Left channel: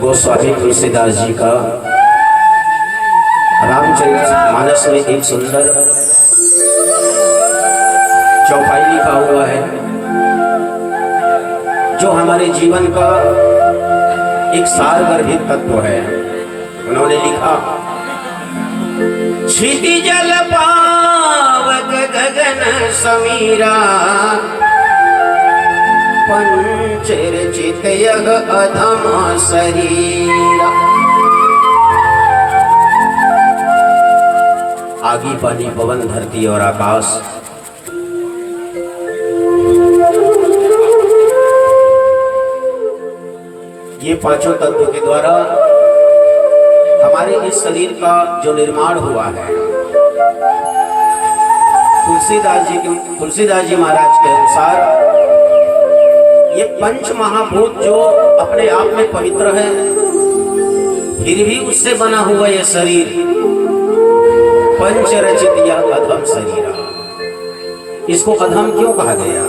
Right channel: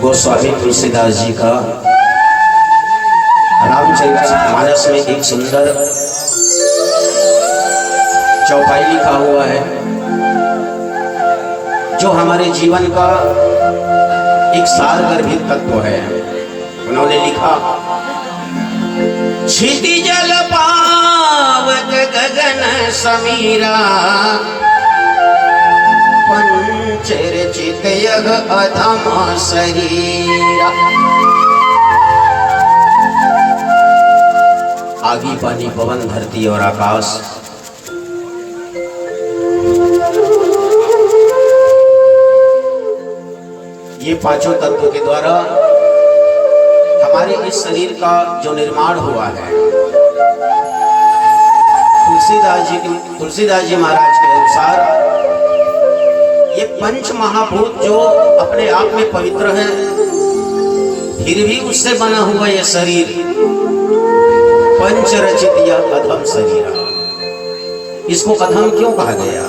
गोस्वामी तुलसीदास जी का रामचरितमानस में एक सुंदर चौपाई लिखा हुआ है, जो हमारे जीवन का एक सारगर्भित तत्व है। उन्होंने लिखा, क्षिति जल पावक गगन समीरा, पंचरचित यग अधम शरीरा। आगी पानी पवन धरती और आकाश, ये पांचों तत्वों के द्वारा हमारे इस शरीर का जो निर्माण हुआ है, तुलसीदास जी महाराज के अनुसार ये पंच महाभूत जो अपने आप में पवित्र है, फिर भी उससे बना हुआ ये शरीर पंचरचित या अधम शरीरा। इसको अधम क्यों कहा गया?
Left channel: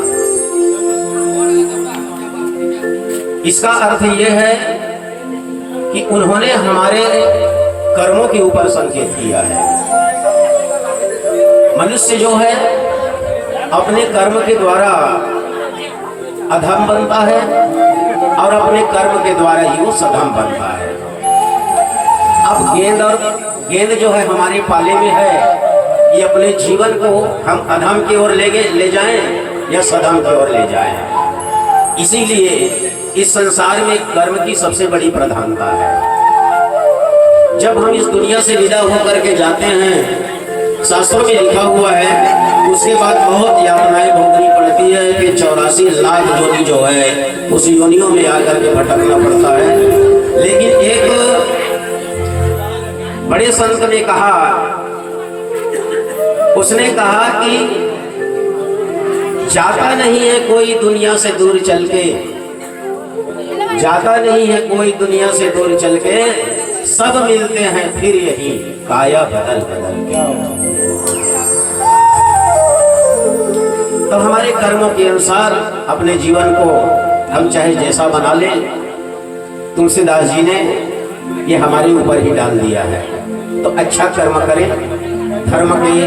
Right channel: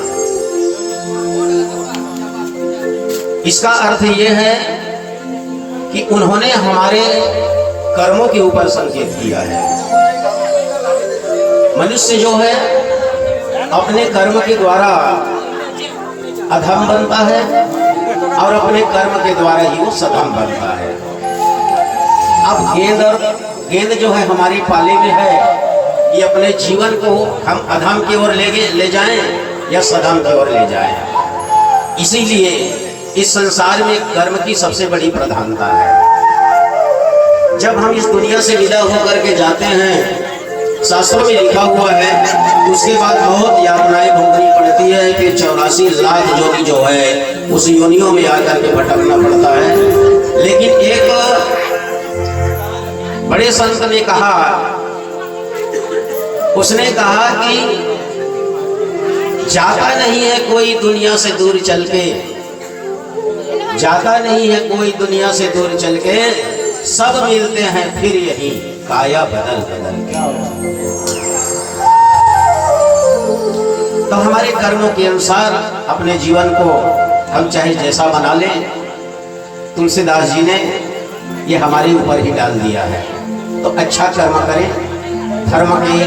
इसका अर्थ यह है कि उन्होंने हमारे कर्मों के ऊपर संकेत किया है। मनुष्य जो है अपने कर्म के द्वारा अधम बनता है और अपने कर्म के द्वारा ही वो सधम बनता है। अब गेंद जो है हमारे पाले में है, ये अपने जीवन को हम अधम की ओर ले जाएं या सधम की ओर ले जाएं। इसीलिए इस संसार में कर्म की सबसे बड़ी प्रधानता है। जब हम इस दुनिया से विदा होकर के जाते हैं, शास्त्रों में लिखा हुआ है, उसके बाद बहुत यातनाएं भोगनी पड़ती है कि 84 लाख योनि जो है उस योनियों में आकर के भटकना पड़ता है। लेकिन एक बड़े संत ने कहा, उसने कहा कि जाता नहीं है कोई दुनिया से दूर चल के, जाता नहीं है कोई दुनिया से दूर चल के, सब मिलते हैं फिर यही काया बदल बदल के। तो हमारे कर्मों के अनुसार अपने जीवन को हम चाहे जैसा बना लें, तुलसीदास जी ने ये हमारे ऊपर ही डाल दिया है। तो अच्छा कर्म करें, धर्म के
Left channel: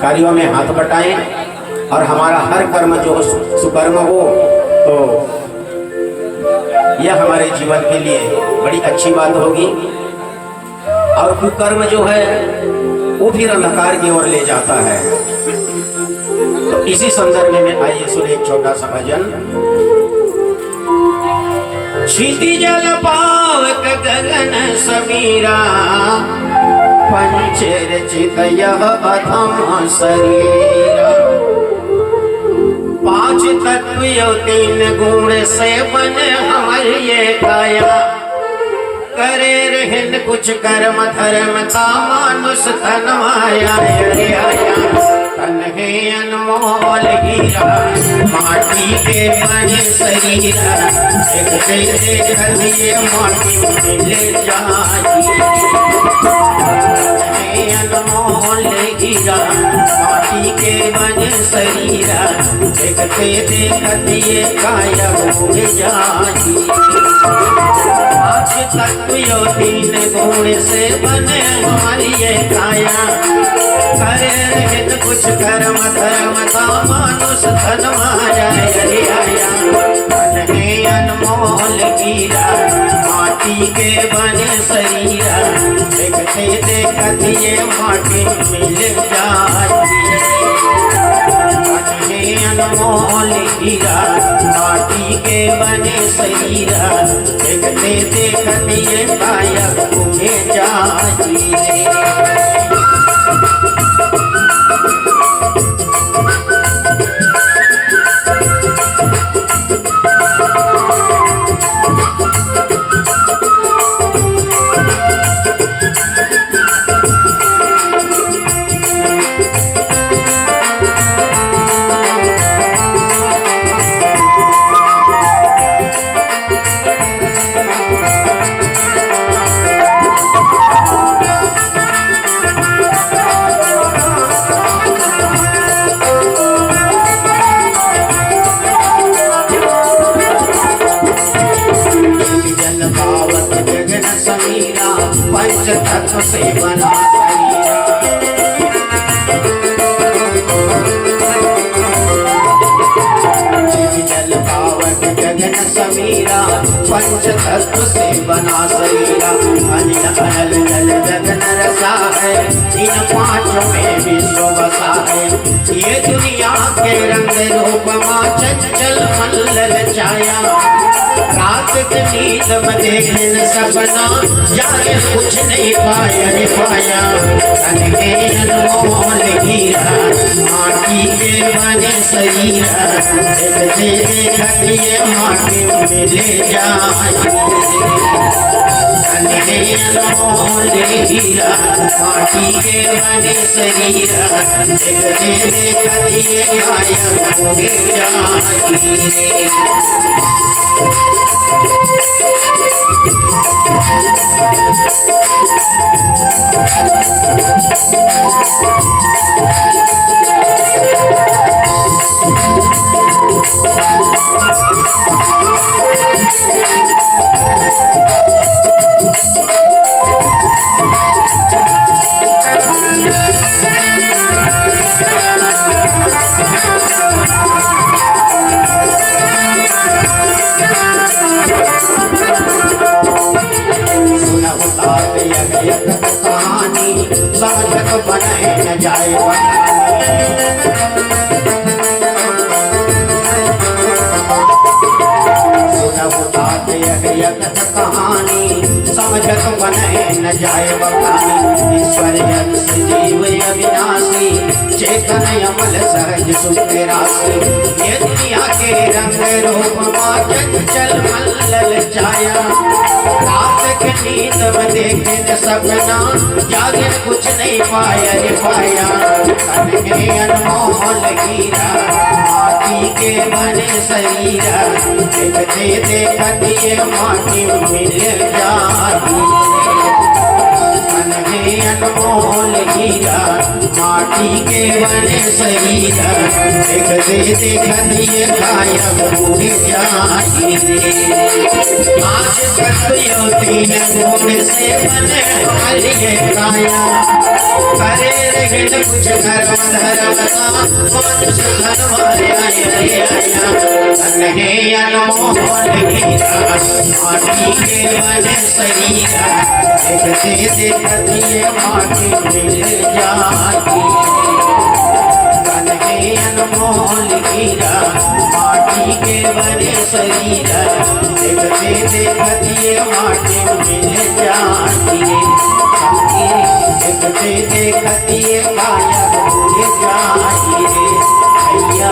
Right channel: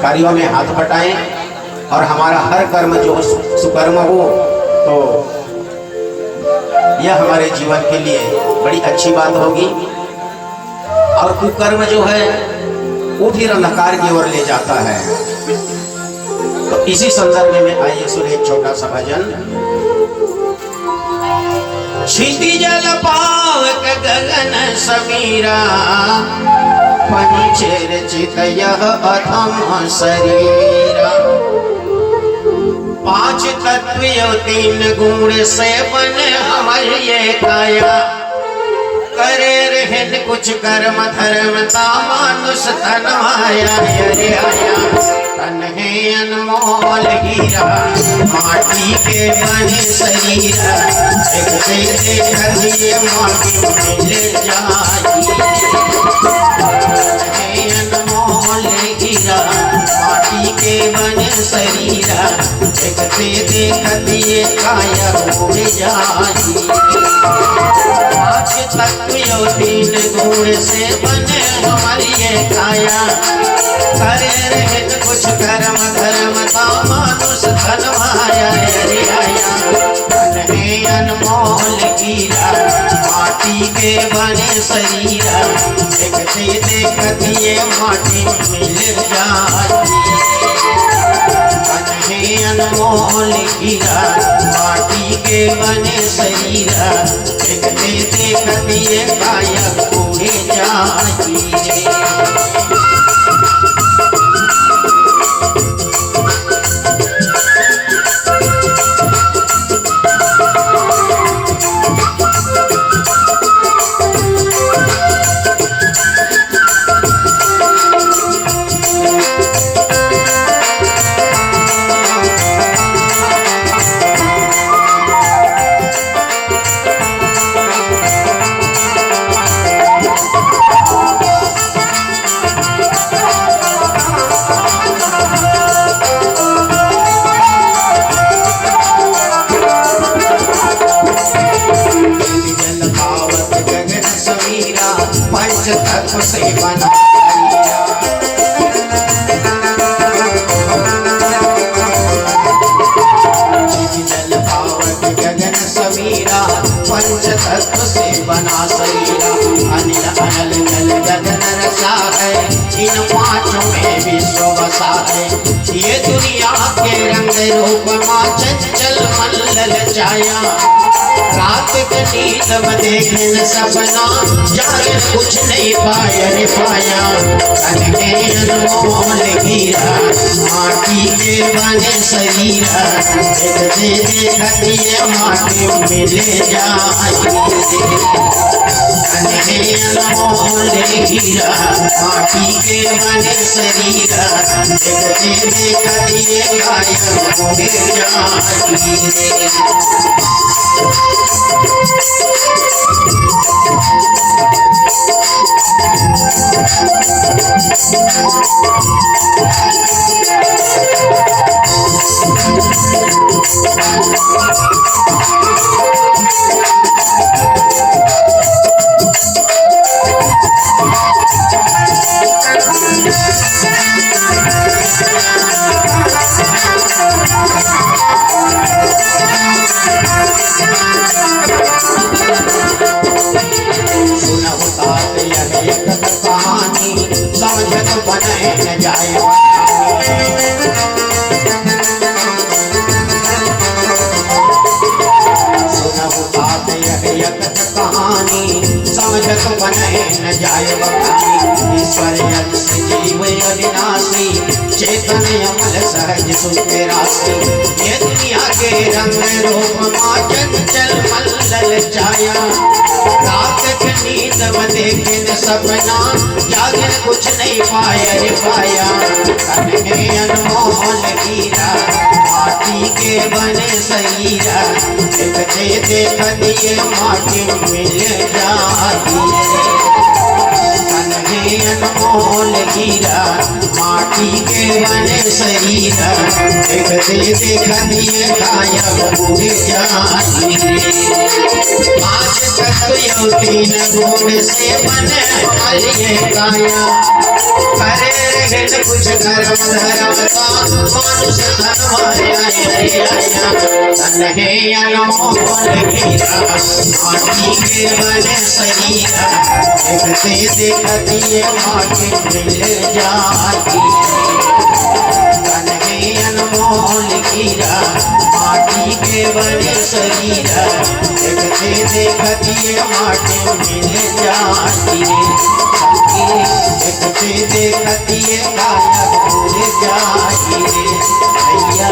कार्यों में हाथ बटाएं और हमारा हर कर्म जो सुकर्म हो, तो यह हमारे जीवन के लिए बड़ी अच्छी बात होगी। और कुकर्म जो है वो फिर अंधकार की ओर ले जाता है। तो इसी संदर्भ में आइए सुने एक छोटा सा भजन। क्षिति जल पावक गगन समीरा, पंचरचित यह अधम शरीरा। पांच तत्व यो 3 गुण से बने हमर ये काया, करे रहन कुछ कर्म धर्म ता मानुष तन माया। अरे आया तन है अनमोल हीरा, माटी के बने शरीरा, एक से खलिए माटी मिल जाई। अनमोल हीरा, माटी के बने शरीरा, एक से देखतिए काया हो जाई। तत्व यो 3 गुण से बने हमारी ये काया, करे रहन कुछ कर्म धर्म तो मानुष धन माया। अरे आया तन है अनमोल हीरा, माटी के बने शरीरा, एक से देखतिए माटी मिल जाई। तन है अनमोल हीरा, माटी के बने शरीरा, एक से देखतिए काया घूमे जाई। पावत गगन समीरा पंच तत्व से बना जल पावत गगन समीरा पंच तत्व से बना शरीरा अनिल अनल जल गगन रसा है इन पांचों में विश्व बसा है ये दुनिया के रंग रूप मां चंचल मल्ल छाया रात के नींद में देखे न सपना जाने कुछ नहीं पाया रे पाया अनके अनमोल हीरा माटी के बने शरीरा एक दे खटिए माटी में ले जाए अनके अनमोल हीरा माटी के बने शरीरा एक दे खटिए माटी में ले जाए समझत बने न जाए कहानी समझत बने न जाए बखानी ईश्वर अंश जीव अविनाशी चेतन अमल सहज सुख राशि ये दुनिया के रंग रूप मां चंचल मल्ल छाया रात के नींद में देखे न सपना जागे कुछ नहीं पाया रे पाया तन में अनमोल हीरा माटी के बने शरीरा एक दे देख दिए माटी मिल जाती तन में अनमोल हीरा माटी के बने शरीरा एक दे देख दिए गायब हो जाती आज तक यो तीन गुण से बने कालिए काया करे रहित कुछ कर्म धर्म का मनुष्य धर्म आया तन्हे अनमोल हीरा माटी के बने शरीरा एक दे देख दिए माटी मिल जाती तन्हे अनमोल हीरा माटी के बने शरीरा एक दे देख दिए माटी मिल जाती एक दे देख दिए गायब हो जाती रे भैया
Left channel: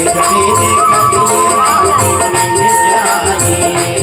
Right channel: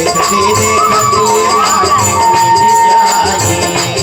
एक दे देख दिए माटी मिल जाए